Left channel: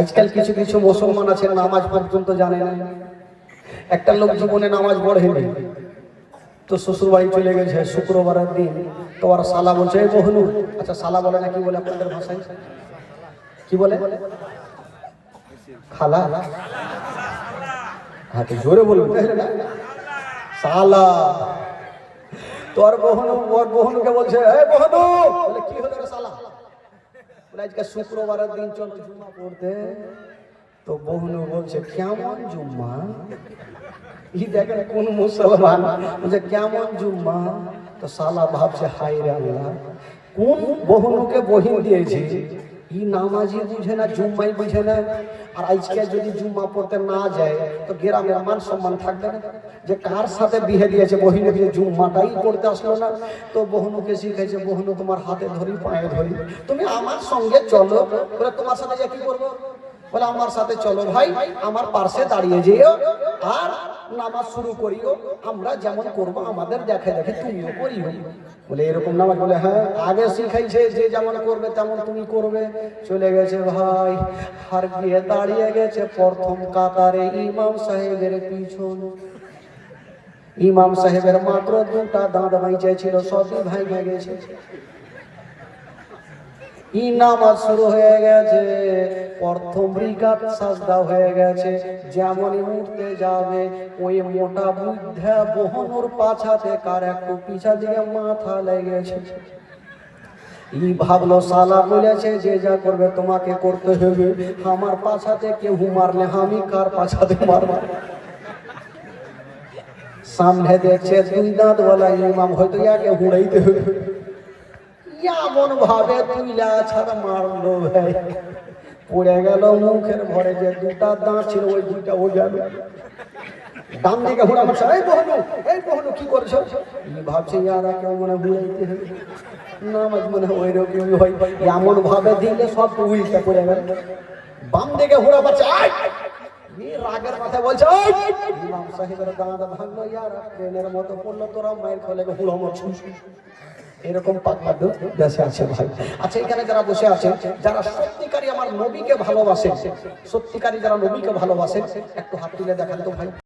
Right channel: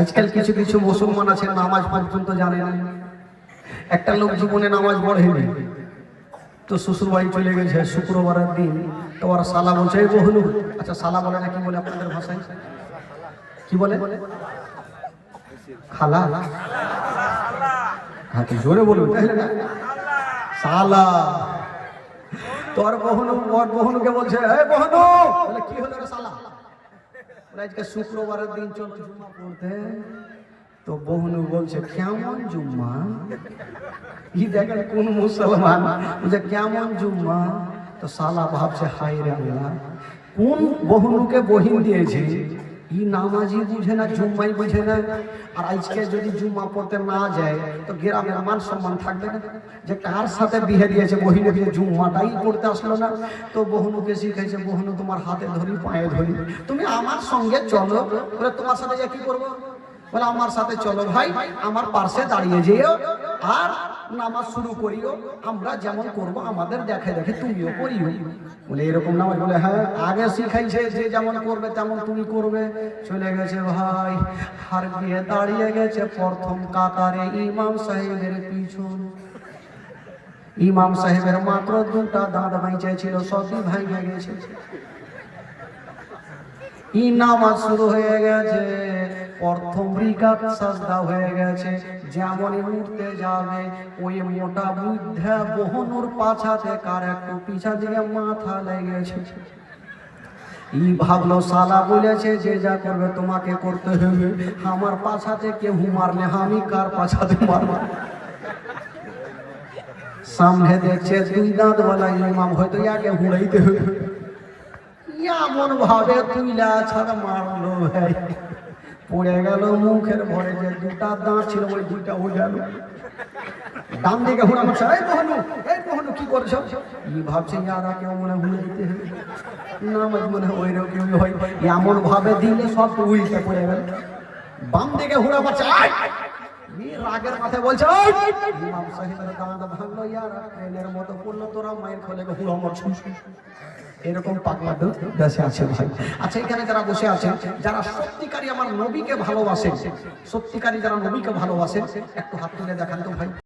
আজকাল কিছু কিছু মুসলমান আছে নামাজ পর্যন্ত জানে না। একটা লোক জীবনে নামাজ পড়েনি, তো শ্বশুর বাড়ি চলে গেছে শুক্রবারের দিন, তো ওর শালা বলছে এই বহুনু, আচ্ছা শালা বলে না কি বলে আপনাদের ভাষায়, কি বলে? খালা? হ্যাঁ তো জোরে বলুন, শালা। তোর বহুনুকে বলছে এই বহুনু, বলে কি হলো রে শালা? আজকে শুক্রবারের দিন চলো জুম্মা পড়তে। তো বহুনু বলছে কেমন জুম্মা? ই দেখেন কোন মুসলমান বলছে কেমন জুম্মা? তো শালা ভাবছে হাই রে আল্লাহ, কোন বহুনুকে বহিন দিয়েছে, ই নামাজি বুঝে না, জুম্মাই বুঝে না। আর আজকে যদি জুম্মা পড়তে না যায় তো গ্রামের মান সম্মান থাকবে না, যে কার সাথে বিয়ে দিয়েছে বহিনে দিয়ে জুম্মাটাই পড়তে আসলো না। তো বহুনুকে শিখাইছে, বহুনু তোমার হাতে ধরি পায়ে ধরি, তুমি আমার সঙ্গে চলো। বলে তোমার সাথে কি করবো? বলে আমার সাথে চলো ভাই, আমার পাশে দাঁড়িয়ে যেও আর নামাজ শুরু করিও, আমরা যেমন করবো আমাদের দেখে দেখে তুমিও করিও। বলে এরকম নামাজ? বলে হ্যাঁ, আগে শিখাইছে যে যেমন করবে তেমন তুমি করবে। চলে গেছে ভাই, আর গিয়ে দাঁড়িয়ে গেছে প্রথম কাতারে ইমাম সাহেবের পিছন। ইমাম সাহেবের মাত্র দুটা দাঁত বাইচে ছিল, সবই ভাঙে গেছে। ই নামাজ শুরু হয়ে গেছে, প্রথম রিকাত সাজদা হয়ে গেছে। যেমনই উঠতে যাবে ওই মোটা বুদ্ধা বহুনুর পাছাতে কার একটু পিছা দিয়ে মাথা লেগেছে। ই ভাবলো শালা বলেছে যে যা করবে তোমাকে করতে হবে, আমার পাছাতে কেউ মারলে আমি কার পাছাতে মারব? সামনে দেখছে দুই দাঁত বলা ইমাম, হয়তো ইয়াকে হুড়াইতে হবে, এমন ভাবে তুইলা ছাড়া মারলো ভাই, পড়ে গেল মুখের ভরে যে দুটা দাঁত ছিল ওই দুইটা ও গেল। ডান দিকে হুড়া মারছে, এই বহুনু, এই বহুনু কি করছো? ভাবছে ইয়ারা কেউ মনে বুঝাইতে হবে, নামাজ মনে ওই রকম হয়, এমন ভাবে দিলে সব উল্টা পড়ে গেল। বাম দিকে হুড়া মারছে, রাগের কথা বলছে, ইমাম সাহেবের দাঁত ভাঙলো, ইয়ার ট্রেনের মতো পড়লো, তোরা মায়ের খোলে হুড়া মারছো। এরকম পাগলা দেশে আছে ভাই। আচ্ছা এখানে যারা বসে আছে, যারা সত্যিকারী আমার নবীকে ভালোবাসে, সত্যিকারী যারা নবীকে ভালোবাসে, একটু হাত তুলে দেখান তো ভাই।